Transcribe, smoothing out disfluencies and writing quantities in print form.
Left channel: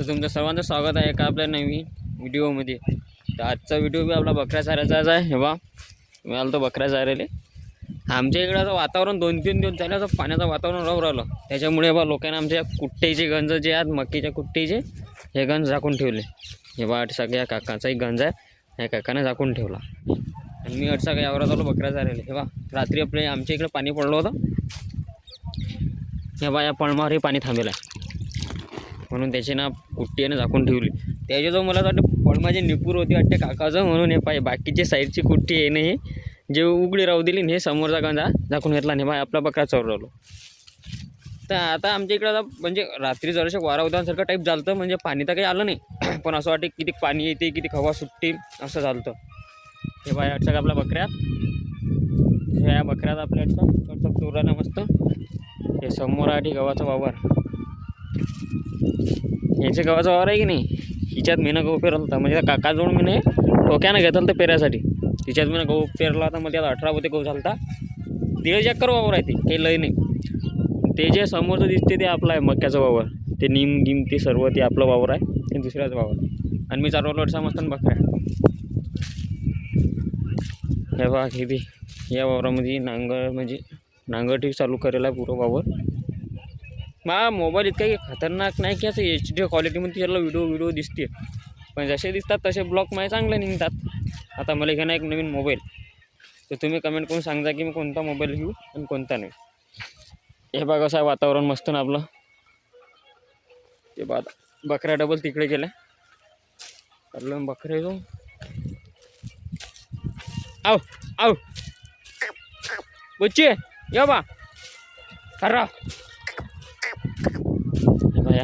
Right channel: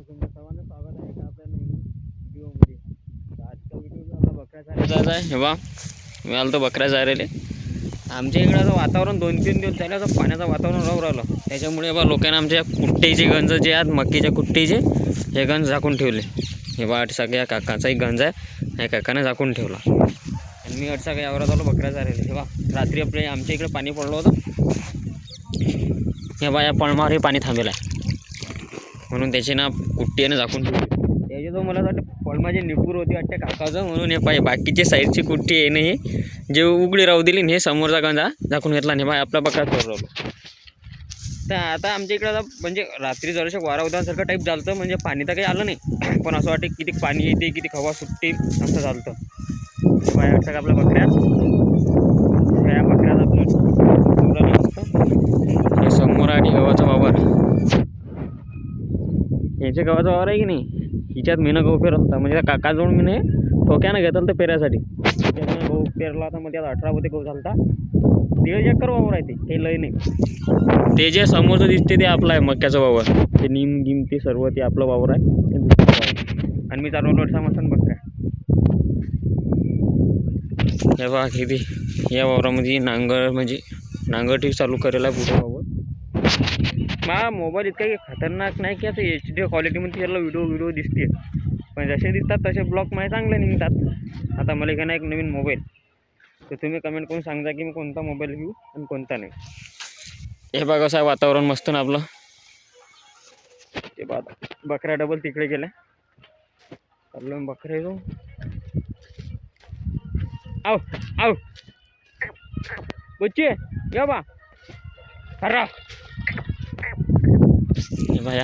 तर तुमचं सर्वांचं स्वागत आहे एका आपल्या नवीन व्हिडिओमध्ये. तर आजचा व्हिडिओ बी आपला बकऱ्या चारायचा आहे. हे बा मी आलो तो बकऱ्या चारायला. आमच्या इकडं आता वातावरण 2-3 दिवस झालं तर पाण्याचं वातावरण राहू राहिलं. त्याच्यामुळे बा लोकांना आमच्या कुट्टेचे गंज जे आहेत मक्कीच्या कुट्टीचे हे गंज झाकून ठेवले. हे बा सगळ्या काकाचाही गंज आहे, ह्या काकाने झाकून ठेवला. आणि मी अडसा काही आवरात आलो बकऱ्या चारायला. हे बा रात्री आपले आमच्या इकडे पाणी पडलं होतं. हे बा या पळमावर हे पाणी थांबेल आहे म्हणून त्याची ना कुट्टीने झाकून ठेवली. त्याच्याजवळ मला वाटतं पळमाचे निपूर होती वाटते काकाचं, म्हणून हे पाहिजे बाकीचे साईडची कुट्टी आहे नाही जे उघडी राहू दिली हे समोरचा गंजा झाकून घेतला नाही. बाय आपला बकरा चोरवलो. तर आता आमच्या इकडं आता म्हणजे रात्री जराशा वारा उदासारखं टाईप झालं होतं, म्हणजे पाणी तर काही आलं नाही पण असं वाटतं किती पाणी येते किती हवा सुटते असं झालं होतं. हे बाय वाटतं का आपल्या बकऱ्यात ह्या बकऱ्यात आपलं चोरानं नसतं. हे समोर आहे गव्हाचा वावर, याच्या गव्हाचा वावर आहे की नाही, हिच्यात मीनं गहू पेरला होता. म्हणजे काकाजवळ मी ठोक्यानं घेतलं तर पेरायसाठी. हिच्यात मीनं गहू पेरला होता. मग त्यात 18 पोते गहू झाला होता. 1.5 एकर वावर आहे ते, काही लय नाही. ते जे समोरचं दिसते ते आपलं आहे मक्याचं वावर. ते नीम गिम ते सर्व ते आपलं वावर आहे, ते दुसऱ्याचं वावर. आणि मी चारवलं वर्षा मस्त बकऱ्या. हे बघा किती या वावरामध्ये म्हणजे नांगरटी चालू करेल आहे पुढं वावर. मला मोबाईल इतका खतरनाक नाही की असं HD क्वालिटीमध्ये त्याला व्हिडिओ दिसते, पण जसे दिसतात तसे ब्लॉग माझे चांगले निघतात. आता मला घेणं एक नवीन मोबाईल, तर तुम्ही कमेंट करून सांगा की मी कोणता मोबाईल घेऊ आणि कोणता नाही. हे बघा कसं आहे वातावरण मस्त ना आपलं. ते बघा बकऱ्या डबल तिकडे गेल्या आपलं बकरे जो आव आव बच्चे या बा खरा. हे बघा